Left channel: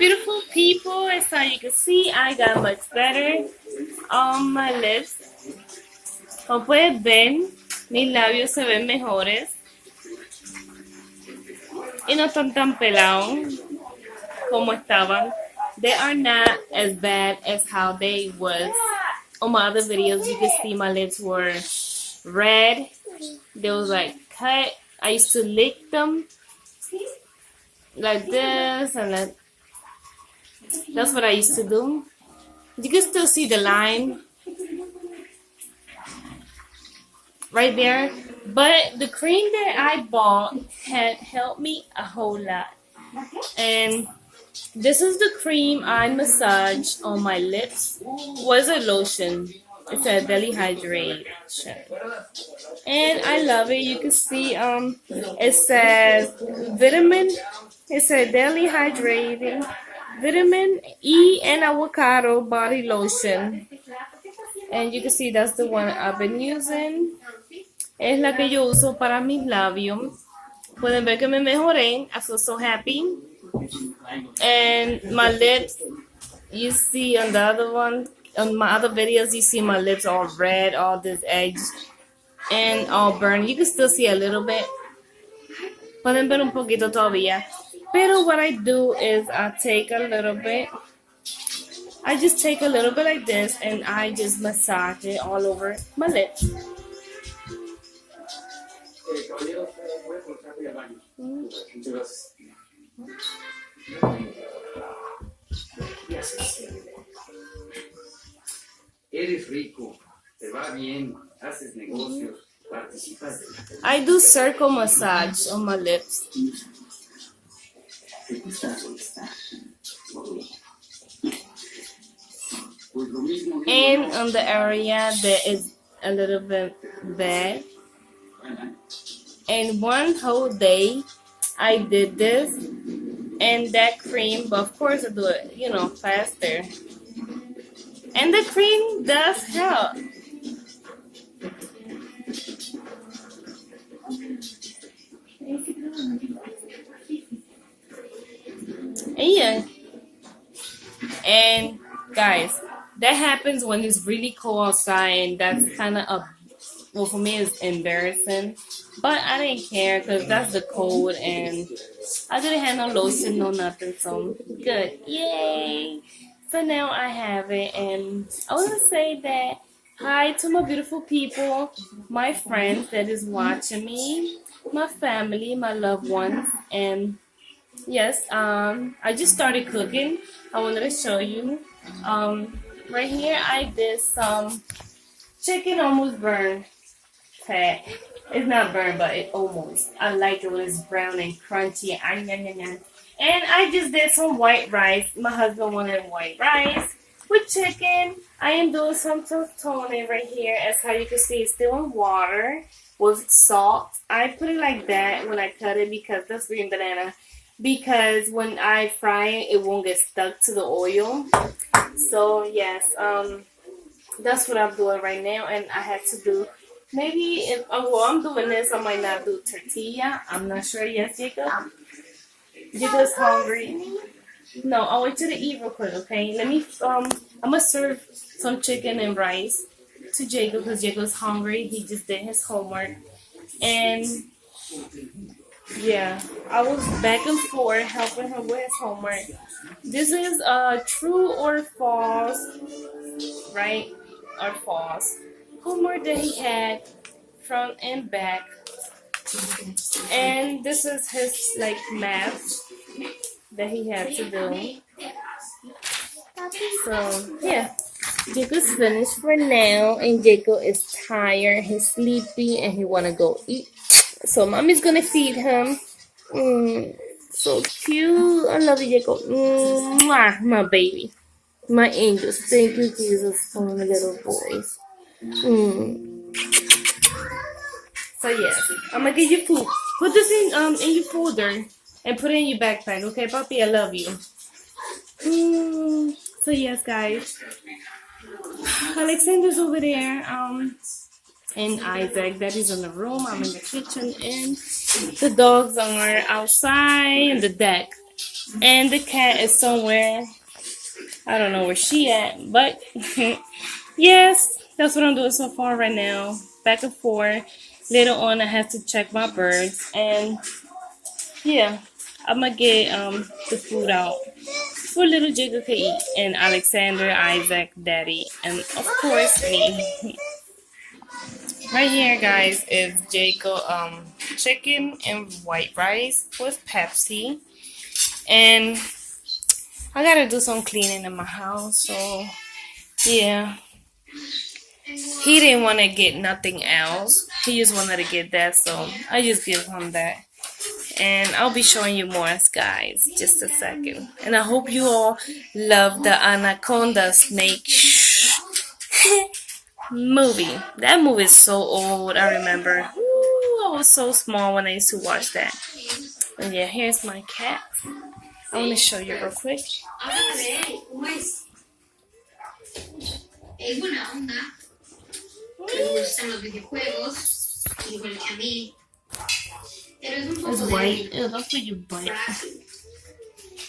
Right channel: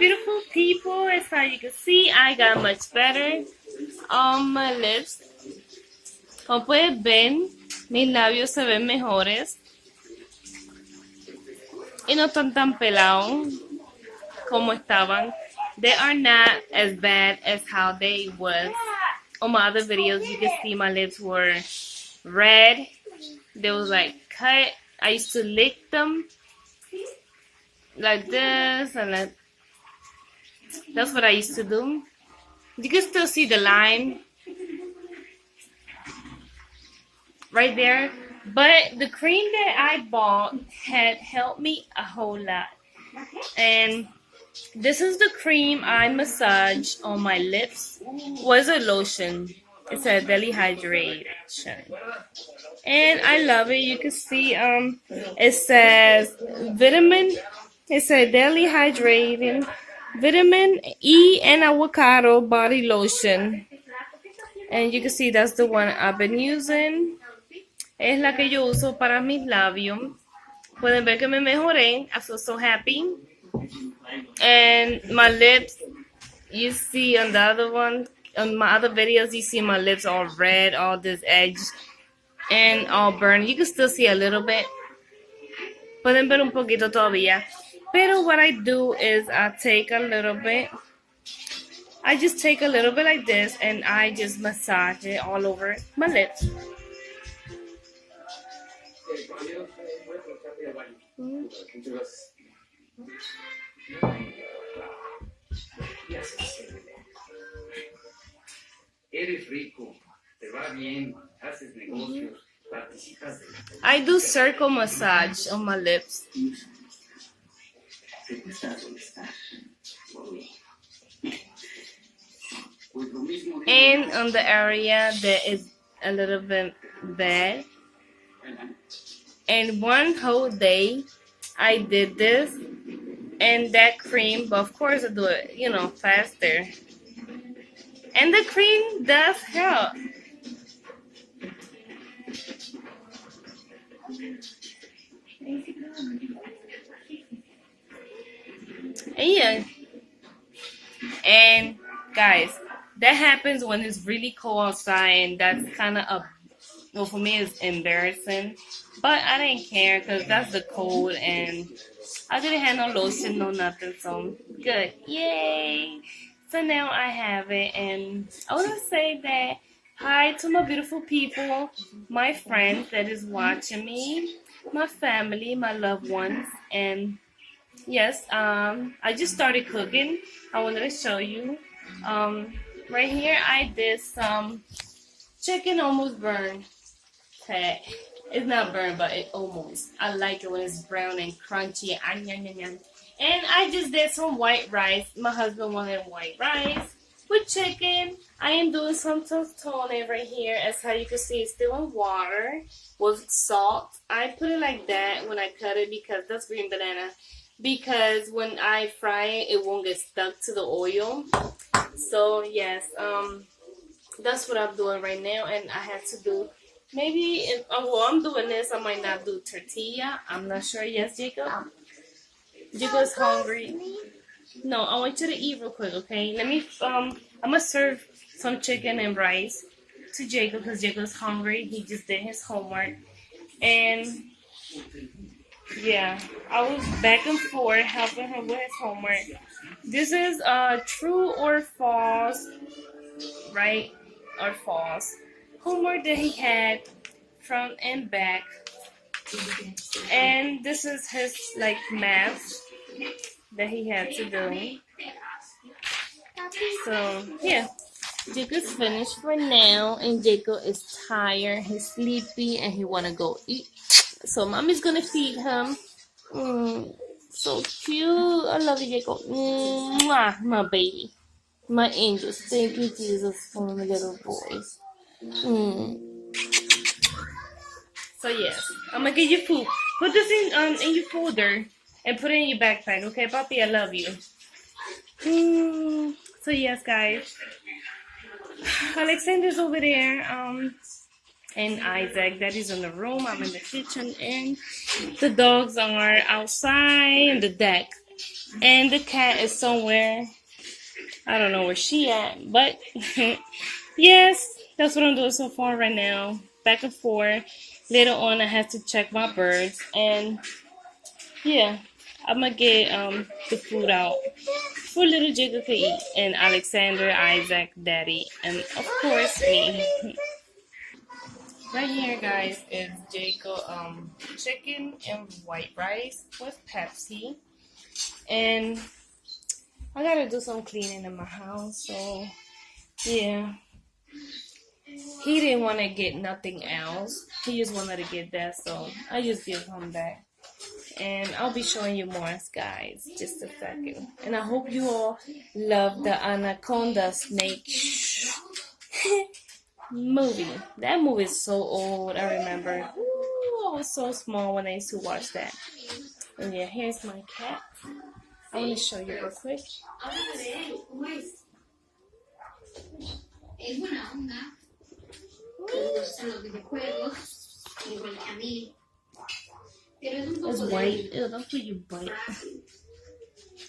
beautiful people, as how you can see, I got much better on my lips. Como puedes ver, mis labios se ven mejores y no están tan pelados como estaban. They are not as bad as how they was. On my other videos, you can see my lips were red. They was like cut. I used to lick them like this, and then that's what I used to do. You can still see the line right there. But the cream that I bought had helped me a whole lot. And this is the cream I massage on my lips. Was a lotion. It's a daily hydration. And I love it. You can see it says vitamin. It's a daily hydrating vitamin E and avocado body lotion. And you can see that's the one I've been using. Es la que yo uso para mis labios. Pueden ver que me mejoré. I feel so happy. And my lips, you see on the other one, on my other videos, you see my lips all red, all this edge, and all burned. You can still see a little bit. Pueden ver un poquito todavía. Pero what I do is I take a little bit. I just take a little bit like this, and I just massage it all over my lips. Eres rico, te va bien, haces negocios, participas de la... I do circle massage on my lips. And on the area that is a little bit bad. And one whole day, I did this and that cream, but of course I do it, faster. And the cream does help. Yeah. And guys, that happens when it's really cold outside, and that's kind of well, for me it's embarrassing, but I didn't care because that's the cold, and I didn't have no lotion, no nothing, so good. Yay! So now I have it, and I want to say that hi to my beautiful people, my friends that is watching me, my family, my loved ones, and yes, I just started cooking. I will let me show you. Right here I did some chicken almost burned. It's not burned, but it almost. I like it when it's brown and crunchy. And I just did some white rice. My husband wanted white rice with chicken. I am doing some tostones right here. As how you can see, it's still in water with salt. I put it like that when I cut it because that's green banana. Because when I fry it, it won't get stuck to the oil. So yes, that's what I'm doing right now, and I had to do. Maybe if I'm doing this, I might not do tortilla. I'm not sure yet, Jacob. Jacob's hungry. No, I want you to eat real quick, okay? Let me, I'm gonna serve some chicken and rice to Jacob because Jacob's hungry. He just did his homework. And, yeah, I was back and forth helping him with his homework. This is true or false, right? Or false. Homework that he had front and back, and this is his math that he had to do. So yeah, Jacob's finished for now, and Jacob is tired, he's sleepy, and he wanna go eat. So mommy's gonna feed him. So cute. I love you, Jacob. Mwah, my baby, my angels. Thank you, Jesus, for my little boys. So yes, I'm gonna give you food. Put this in your folder and put it in your backpack, okay, Papi? I love you. So yes, guys, Alexander's over there, and Isaac that is in the room. I'm in the kitchen, and the dogs are outside the deck. And the cat is somewhere. I don't know where she at, but yes, that's what I'm doing so far right now. Back and forth. Later on, I have to check my birds, and yeah, I'm gonna get the food out for little Jacob to eat, and Alexander, Isaac, Daddy, and of course me. Right here, guys, is Jacob chicken and white rice with Pepsi, and I gotta do some cleaning in my house, so yeah. He didn't want to get nothing else. He just wanted to get that, so I just give him that. And I'll be showing you more, guys, just a second. And I hope you all love the Anaconda Snake movie. That movie is so old, I remember. Ooh, I was so small when I used to watch that. And yeah, here's my cat. I'm going to show you real quick. Es buena onda, le gustan los videojuegos, igual que a mí, pero es un It's poco white. Ew, that's what you bite. frágil.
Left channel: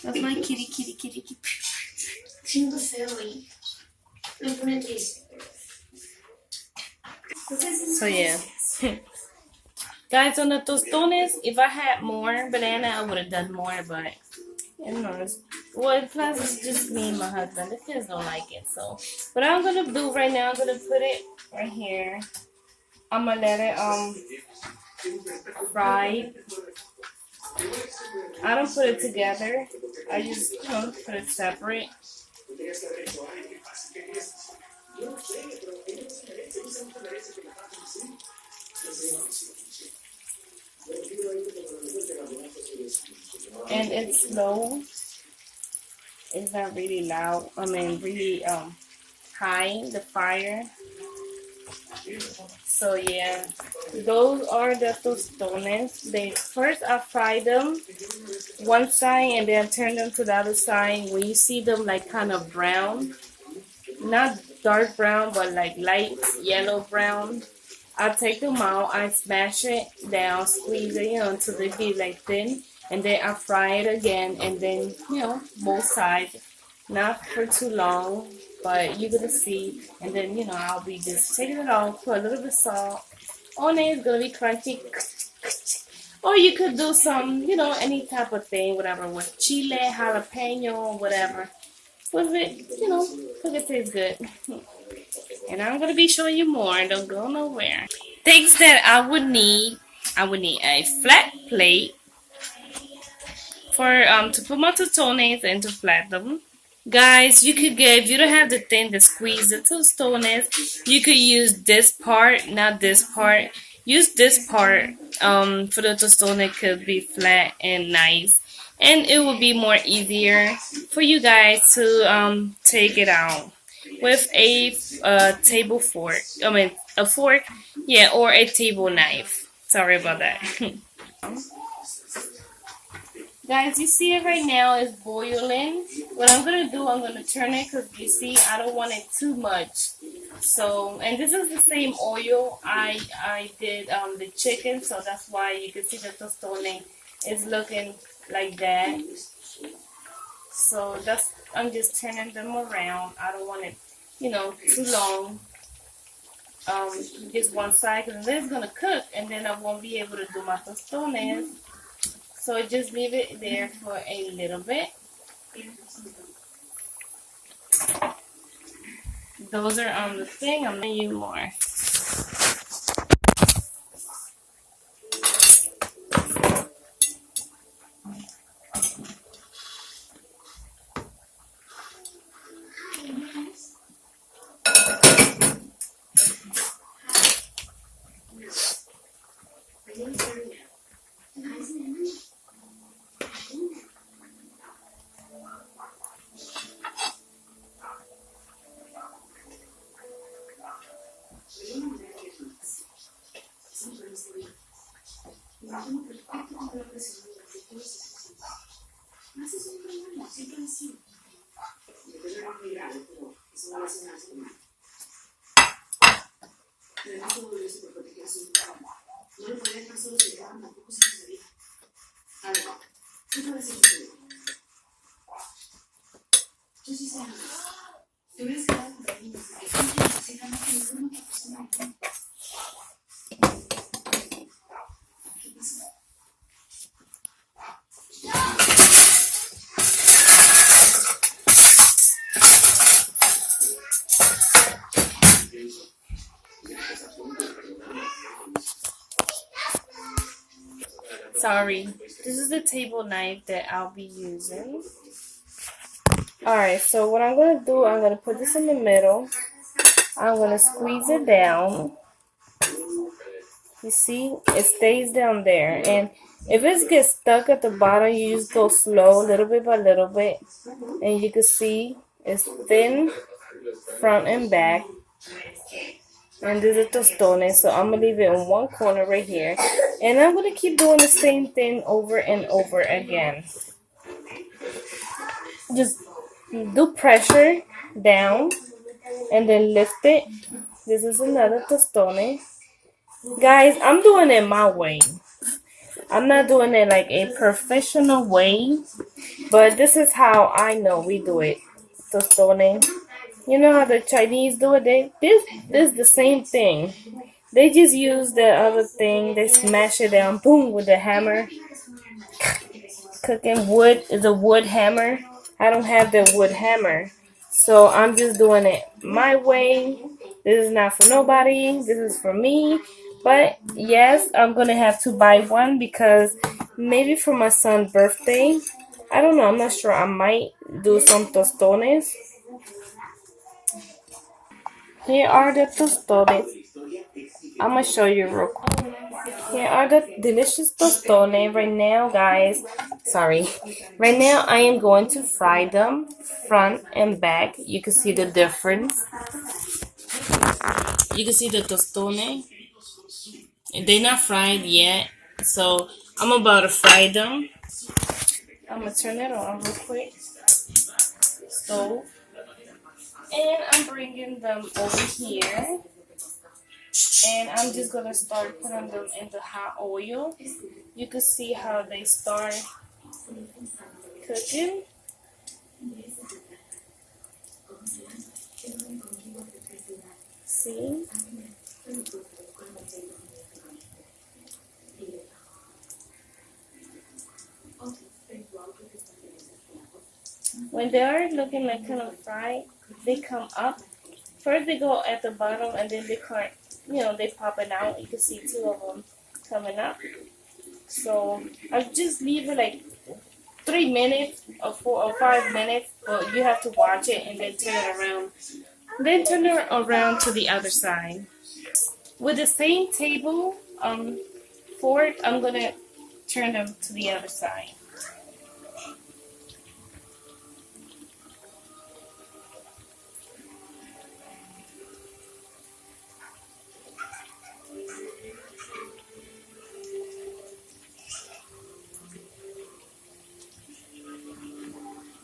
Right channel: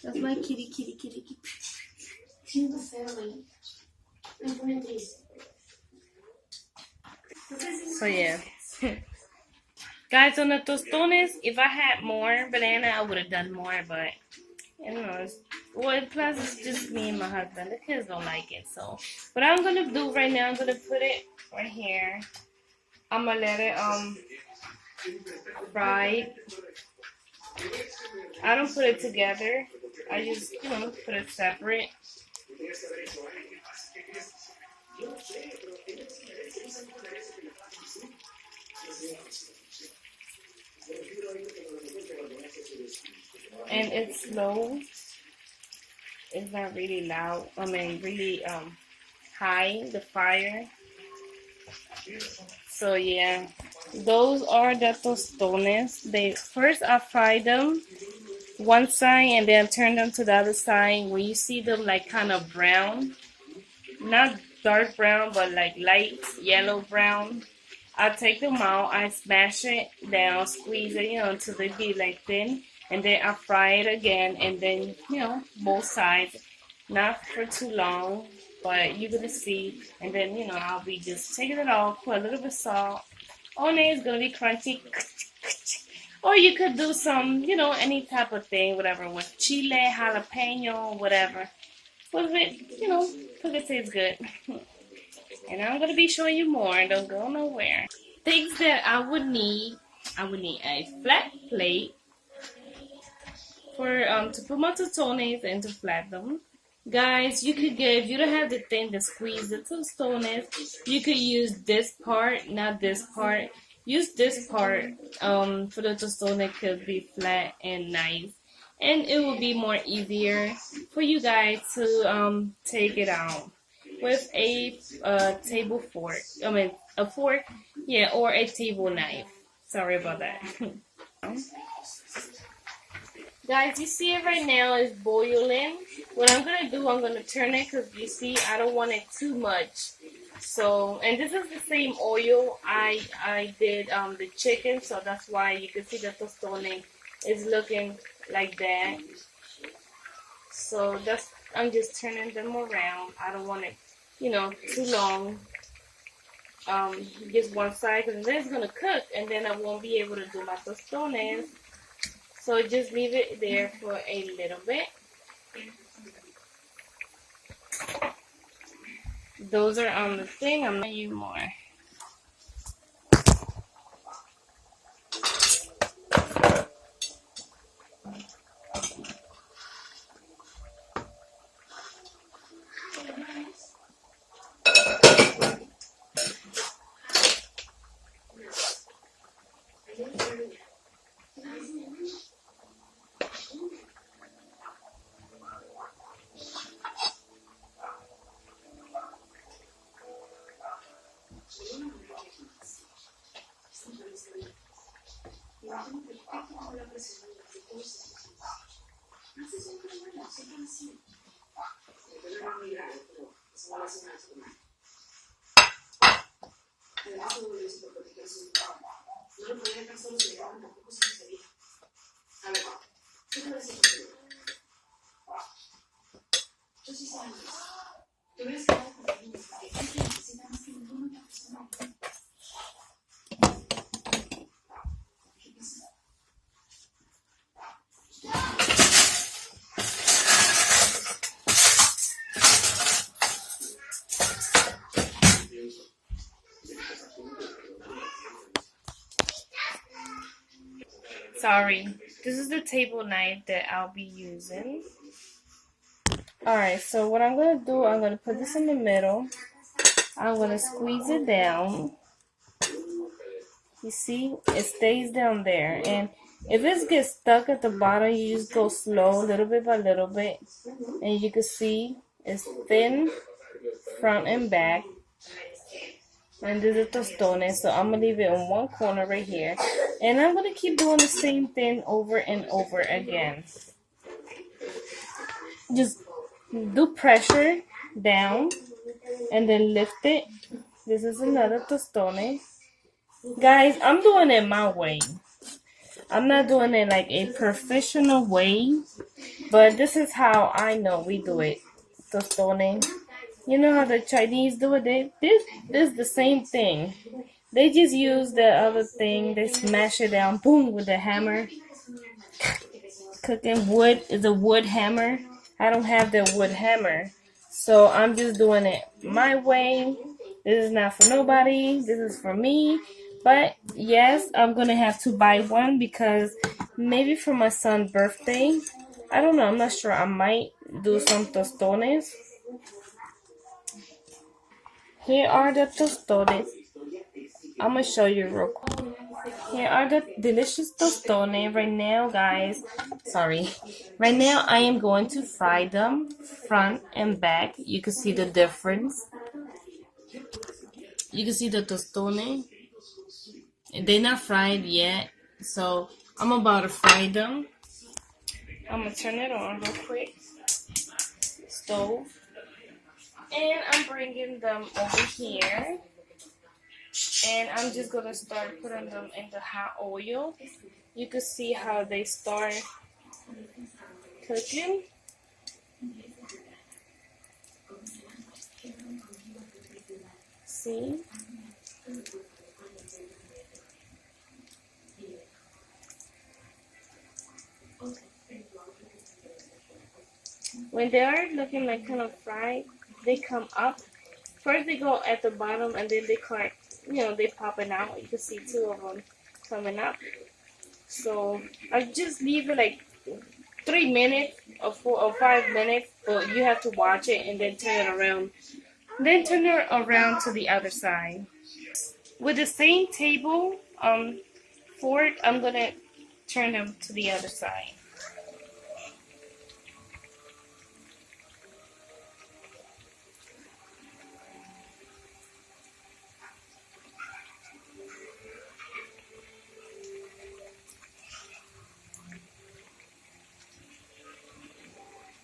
That's my kitty, kitty, kitty, kitty. Siento feo y me pone triste. So yeah. Guys, on the tostones, if I had more banana, I would have done more, but you know, well, plus it's just me and my husband. The kids don't like it, so what I'm gonna do right now, I'm gonna put it right here. I'm gonna let it fry. I don't put it together. I just put it separate. And it's slow. It's not really loud. I mean, really high, the fire. So yeah, those are the tostones. First I fry them one side and then I turn them to the other side. When you see them like kind of brown, not dark brown, but like light yellow brown, I take them out, I smash it down, squeeze it, until they be like thin, and then I fry it again, and then, both sides, not for too long, but you're gonna see, and then, I'll be just taking it off, put a little bit of salt on it, it's gonna be crunchy, or you could do some, any type of thing, whatever, with chile, jalapeno, whatever, with it, because it tastes good. And I'm going to be showing you more. Don't go nowhere. Things that I would need a flat plate for to put my tostones and to flat them. Guys, you could get, if you don't have the thing to squeeze the tostones, you could use this part, not this part. Use this part for the tostone. It could be flat and nice. And it will be more easier for you guys to take it out with a table fork. I mean, a fork, yeah, or a table knife. Sorry about that. Guys, you see it right now is boiling. What I'm gonna do, I'm gonna turn it because you see, I don't want it too much. So, and this is the same oil I did the chicken, so that's why you can see the tostone is looking like that. So I'm just turning them around. I don't want it, too long. Just one side, because then it's gonna cook, and then I won't be able to do my tostones. So just leave it there for a little bit. Those are on the thing. I'm gonna use more. sorry. This is the table knife that I'll be using. Alright, so what I'm going to do, I'm going to put this in the middle. I'm going to squeeze it down. You see, it stays down there. And if it gets stuck at the bottom, you just go slow, little bit by little bit. And you can see it's thin front and back. And this is tostones, so I'm going to leave it in one corner right here. And I'm going to keep doing the same thing over and over again. Just do pressure down and then lift it. This is another tostone. Guys, I'm doing it my way. I'm not doing it like a professional way, but this is how I know we do it. Tostone. You know how the Chinese do it? This is the same thing. They just use the other thing. They smash it down, boom, with a hammer. Cooking wood is a wood hammer. I don't have the wood hammer, so I'm just doing it my way. This is not for nobody. This is for me. But yes, I'm gonna have to buy one because maybe for my son's birthday. I don't know. I'm not sure. I might do some tostones. Here are the tostones. I'm gonna show you real quick. Here are the delicious tostones right now, guys. Sorry. Right now, I am going to fry them front and back. You can see the difference. You can see the tostone. They're not fried yet, so I'm about to fry them. I'm gonna turn it on real quick. Stove. And I'm bringing them over here. And I'm just going to start putting them into hot oil. You can see how they start cooking. See? When they are looking like kind of fried, they come up. First they go at the bottom and then they cut, they popping out. You can see two of them coming up. So I just leave it like 3 minutes or 4 or 5 minutes, but you have to watch it and then turn it around. Then turn it around to the other side. With the same table fork, I'm gonna turn them to the other side.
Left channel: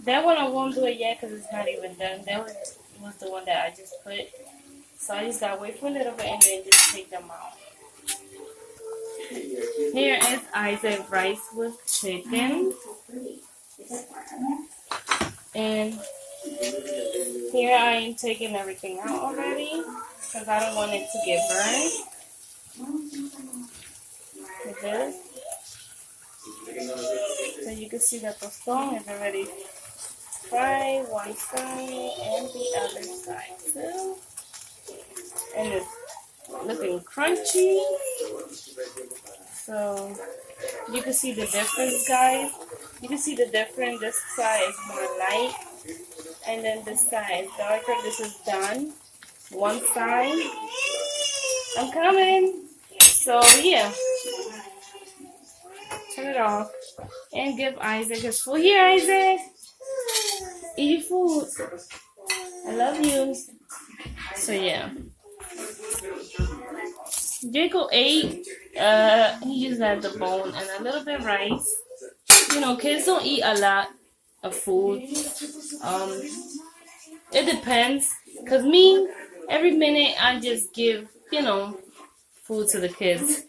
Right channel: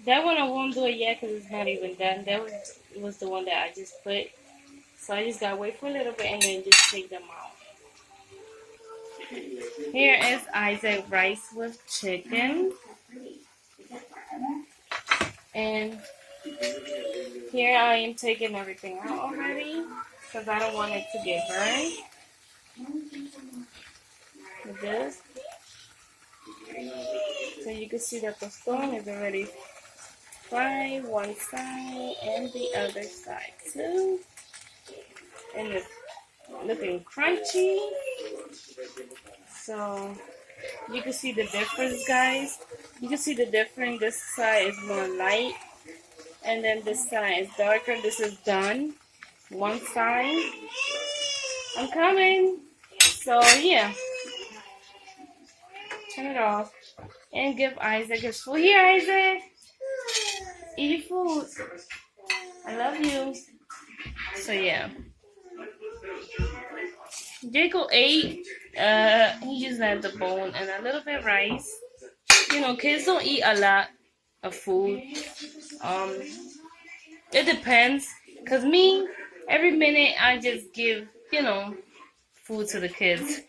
That one I won't do it yet because it's not even done. That was the one that I just put. So I just gotta wait for a little bit and then just take them out. Here is Isaac rice with chicken. And here I am taking everything out already because I don't want it to get burned. With this. So you can see that the stone is already fried one side and the other side too. And it's looking crunchy. So you can see the difference, guys. You can see the difference. This side is more light. And then this side is darker. This is done. One side. I'm coming. So yeah. Turn it off. And give Isaac his food. Here, Isaac. Eat your food. I love you. So yeah. Jacob ate. He just had the bone and a little bit of rice. Kids don't eat a lot of food. It depends. Cause me, every minute I just give, food to the kids.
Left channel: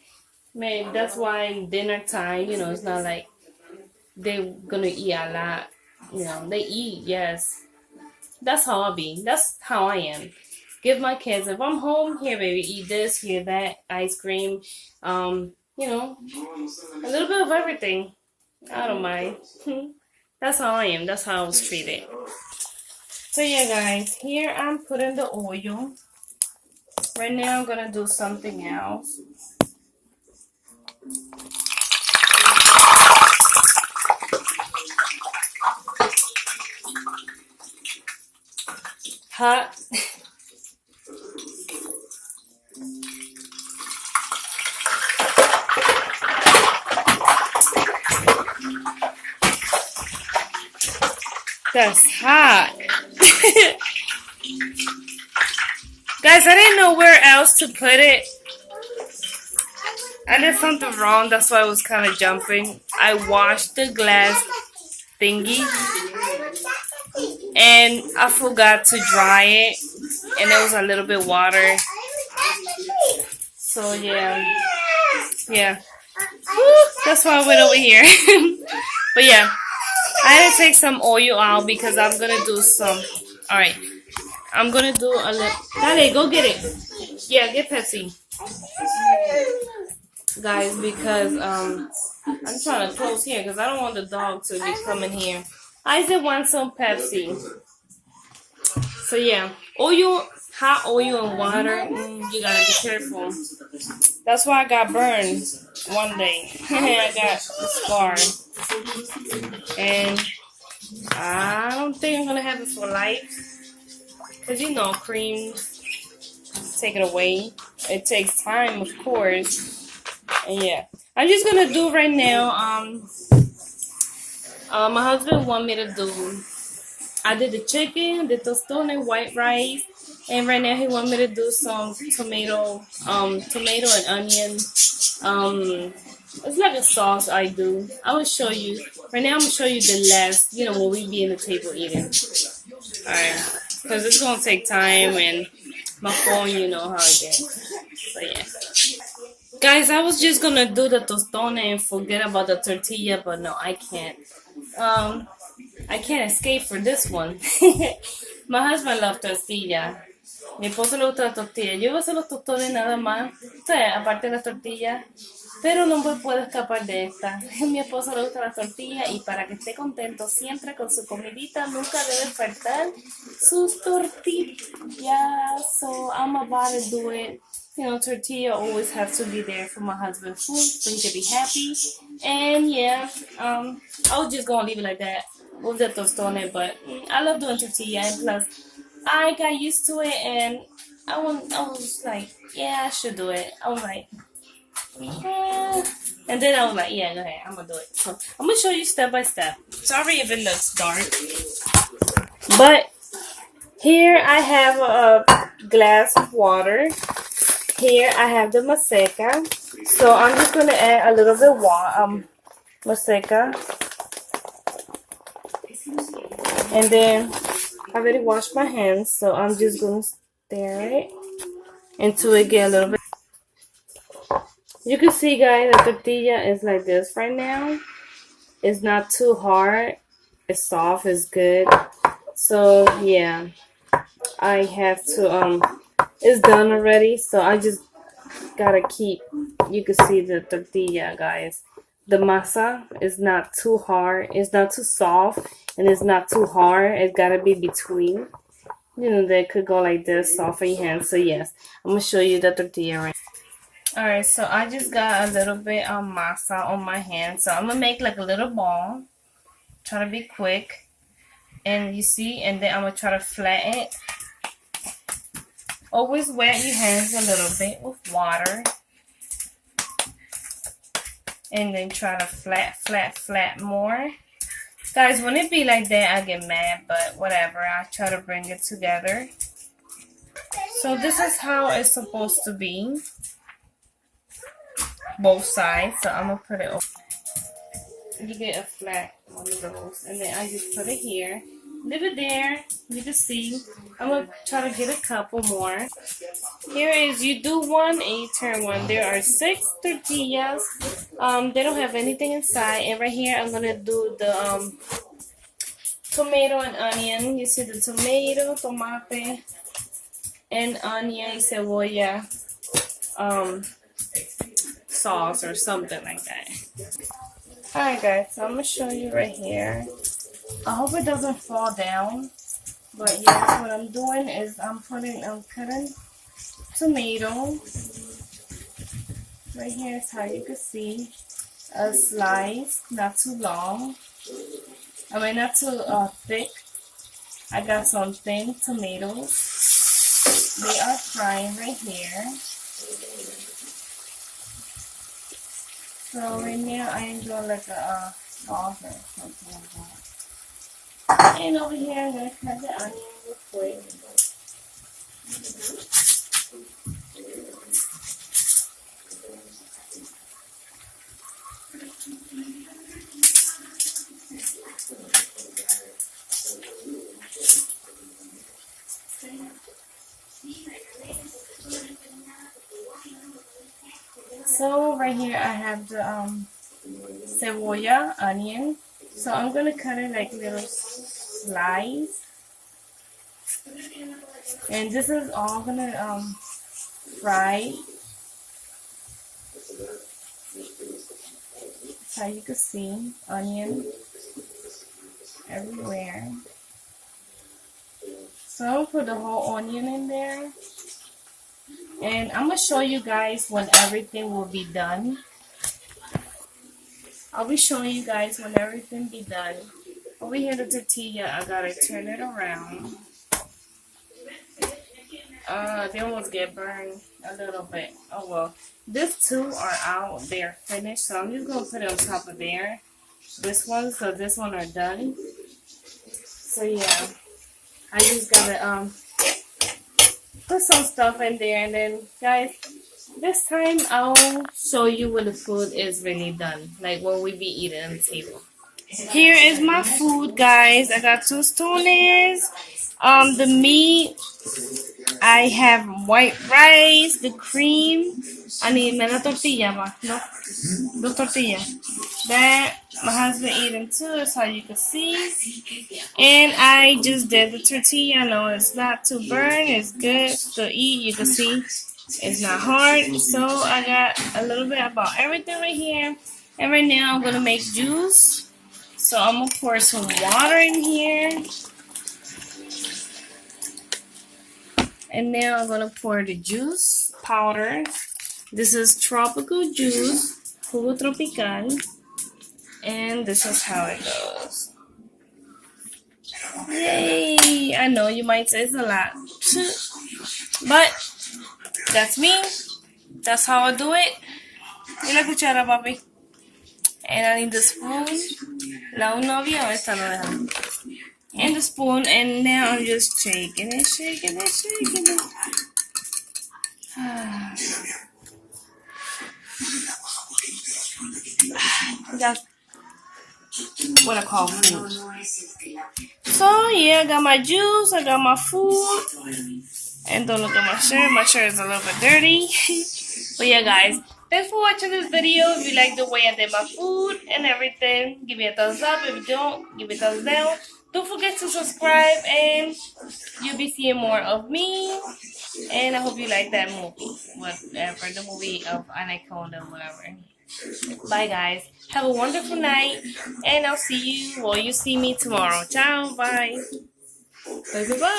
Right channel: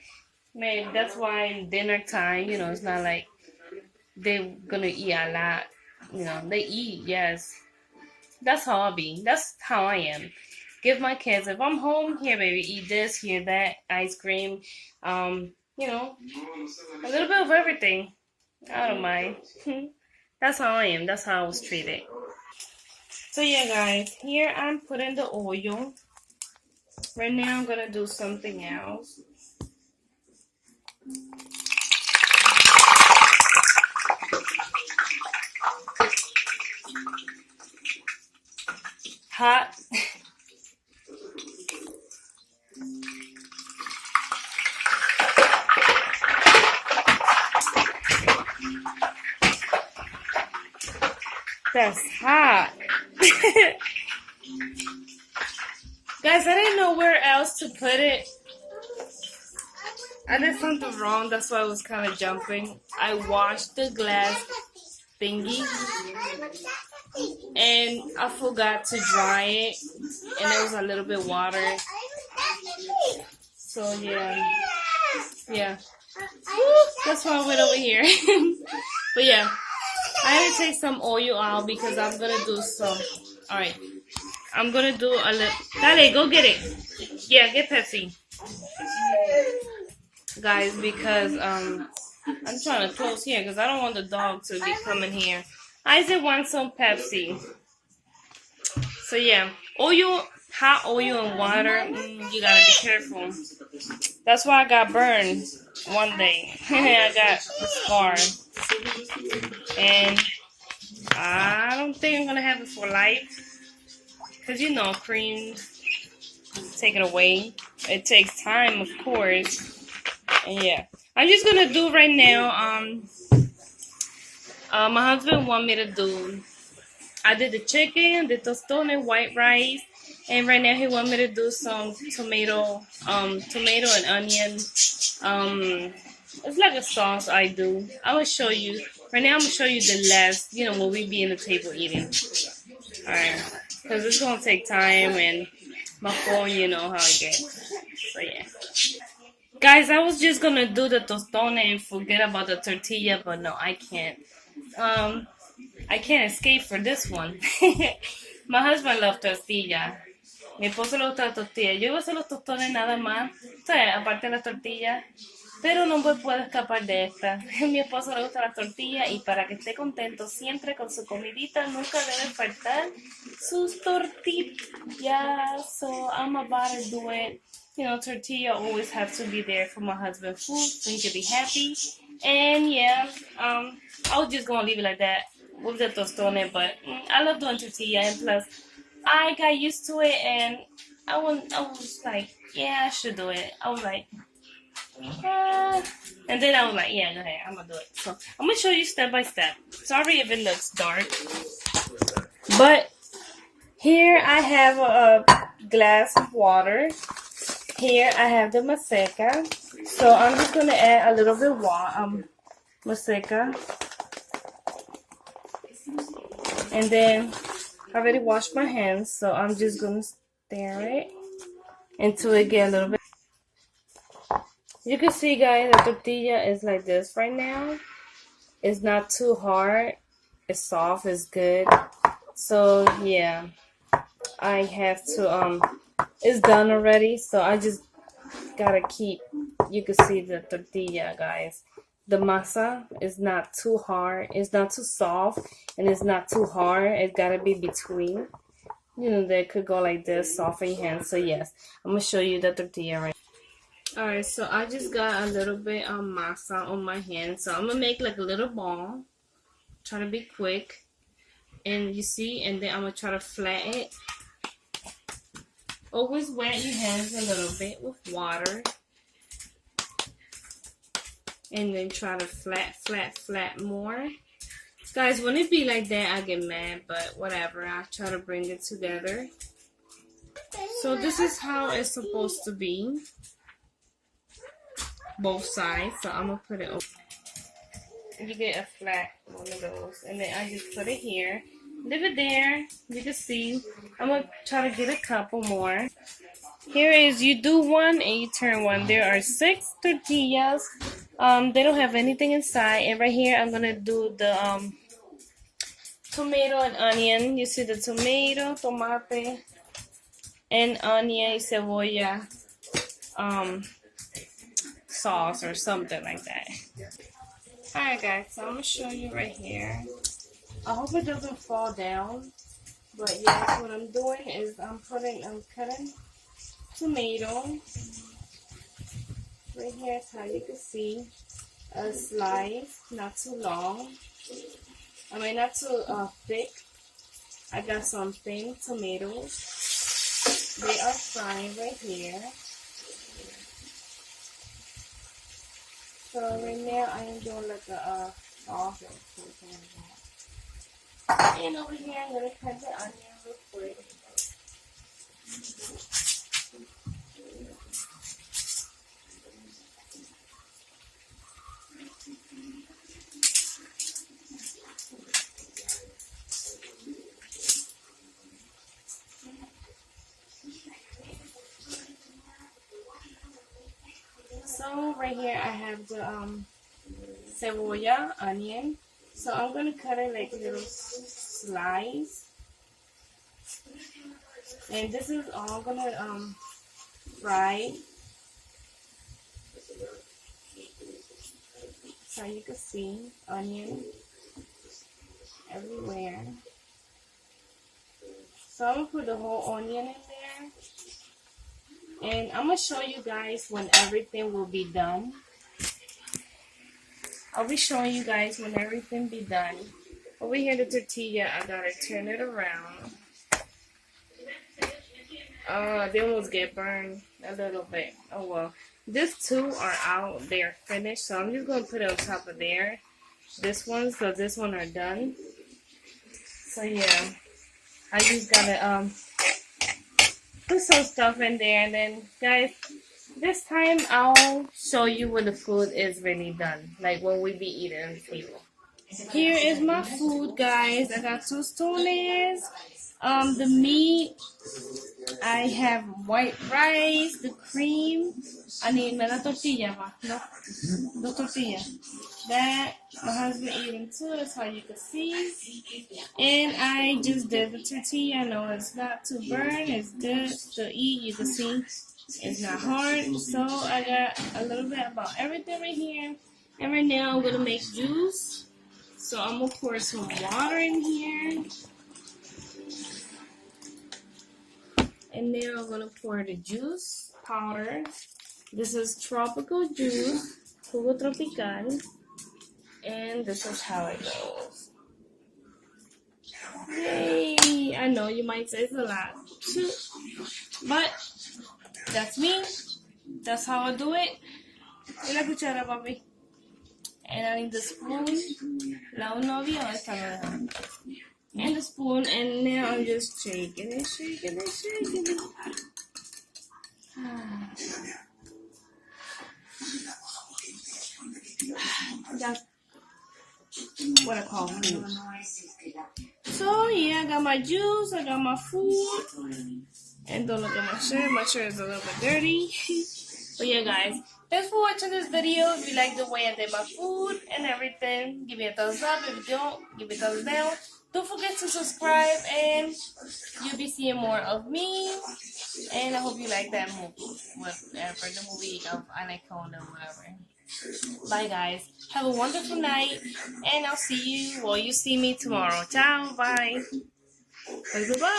Man, that's why dinner time, it's not like they're gonna eat a lot. They eat, yes. That's how I be. That's how I am. Give my kids, if I'm home, here baby, eat this, here that, ice cream, a little bit of everything. I don't mind. That's how I am. That's how I was treated. So yeah, guys, here I'm putting the oil. Right now I'm gonna do something else. hot. That's hot. Guys, I didn't know where else to put it. I did something wrong, that's why I was kind of jumping. I washed the glass thingy and I forgot to dry it, and there was a little bit water. So yeah. Woo, that's why I went over here. But yeah, I had to take some oil out because I'm gonna do some. All right, I'm gonna do a little. Dale, go get it. Yeah, get Pepsi, guys, because I'm trying to close here because I don't want the dog to be coming here. I just want some Pepsi. So yeah, oil, hot oil and water. You gotta be careful. That's why I got burned one day. I got scarred. And I don't think I'm gonna have it for life. Cause you know, cream, take it away. It takes time, of course. And yeah, I'm just gonna do right now. My husband want me to do. I did the chicken, the tostones, white rice, and right now he want me to do some tomato and onion. It's like a sauce I do. I will show you. Right now I'm gonna show you the last, when we be in the table eating. Alright, because it's gonna take time and my phone, you know how it gets. So yeah. Guys, I was just gonna do the tostone and forget about the tortilla, but no, I can't. I can't escape for this one. My husband loves tortilla. Mi esposo le gusta la tortilla. Yo voy a hacer los tostones nada más, o sea, aparte de las tortillas. Pero no me puedo escapar de esta. A mi esposo le gusta la tortilla y para que esté contento siempre con su comidita nunca debe faltar sus tortillas. So I'm about to do it. Tortilla always have to be there for my husband's food so he can be happy. And yeah, I was just gonna leave it like that with the tostone, but I love doing tortilla, and plus I got used to it, and I was like, yeah, I should do it. I was like, and then I was like, yeah, go ahead, I'm gonna do it. So I'm gonna show you step by step. Sorry if it looks dark, but here I have a glass of water. Here I have the maseca. So I'm just gonna add a little bit of maseca, and then I already washed my hands, so I'm just gonna stir it until it get a little bit. You can see, guys, the tortilla is like this right now. It's not too hard. It's soft. It's good. So yeah, I have to it's done already. So I just gotta keep. You can see the tortilla, guys. The masa is not too hard. It's not too soft, and it's not too hard. It's gotta be between. They could go like this, soft in your hands. So yes, I'm gonna show you the tortilla right. Alright, so I just got a little bit of masa on my hand. So I'm going to make like a little ball. Try to be quick. And you see, and then I'm going to try to flatten it. Always wet your hands a little bit with water. And then try to flat more. Guys, when it be like that, I get mad. But whatever, I try to bring it together. So this is how it's supposed to be. Both sides, so I'm gonna put it over. You get a flat one of those, and then I just put it here, leave it there. You can see I'm gonna try to get a couple more. Here is, you do one and you turn one. There are 6 tortillas. They don't have anything inside, and right here I'm gonna do the tomato and onion. You see the tomato, tomate, and onion, y cebolla sauce or something like that. Alright guys, so I'm going to show you right here. I hope it doesn't fall down. But yes, what I'm doing is I'm cutting tomato. Right here is how you can see a slice, not too long. I mean, not too thick. I got some thin tomatoes. They are frying right here. So right now I am doing like a sauce or something like that. And over here I'm gonna cut the onion real quick. So right here I have the cebolla, onion. So I'm gonna cut it like little slices. And this is all gonna fry. So you can see onion everywhere. So I'm gonna put the whole onion in there. And I'm gonna show you guys when everything will be done. I'll be showing you guys when everything be done. Over here the tortilla, I gotta turn it around. They almost get burned a little bit. Oh well. These two are out. They are finished. So I'm just gonna put it on top of there. This one, so this one are done. So yeah. I just gotta put some stuff in there, and then guys, this time I'll show you when the food is really done, like when we be eating on the table. Here is my food, guys. I got 2 tostones, the meat, I have white rice, the cream. I need una tortilla, ma, no, 2 tortillas. That my husband eating too, that's how you can see. And I just did the tortilla. I know it's not too burn, it's good to eat. You can see it's not hard. So I got a little bit about everything right here. And right now I'm gonna make juice. So I'm gonna pour some water in here. And now I'm gonna pour the juice powder. This is tropical juice, jugo tropical. And this is how it goes. Yay! I know you might say it's a lot, but that's me. That's how I do it. Y la cuchara, papi. And I need the spoon. La novia o esta no deja. And the spoon, and now I'm just shaking it, shaking it, shaking it. That's what I call food. So yeah, I got my juice, I got my food, and don't look at my shirt. My shirt is a little bit dirty. But yeah, guys, thanks for watching this video. If you like the way I did my food and everything, give me a thumbs up. If you don't, give me a thumbs down. Don't forget to subscribe, and you'll be seeing more of me. And I hope you like that movie, whatever, the movie of Anaconda, whatever. Bye, guys. Have a wonderful night, and I'll see you, or you see me tomorrow. Ciao, bye. Bye.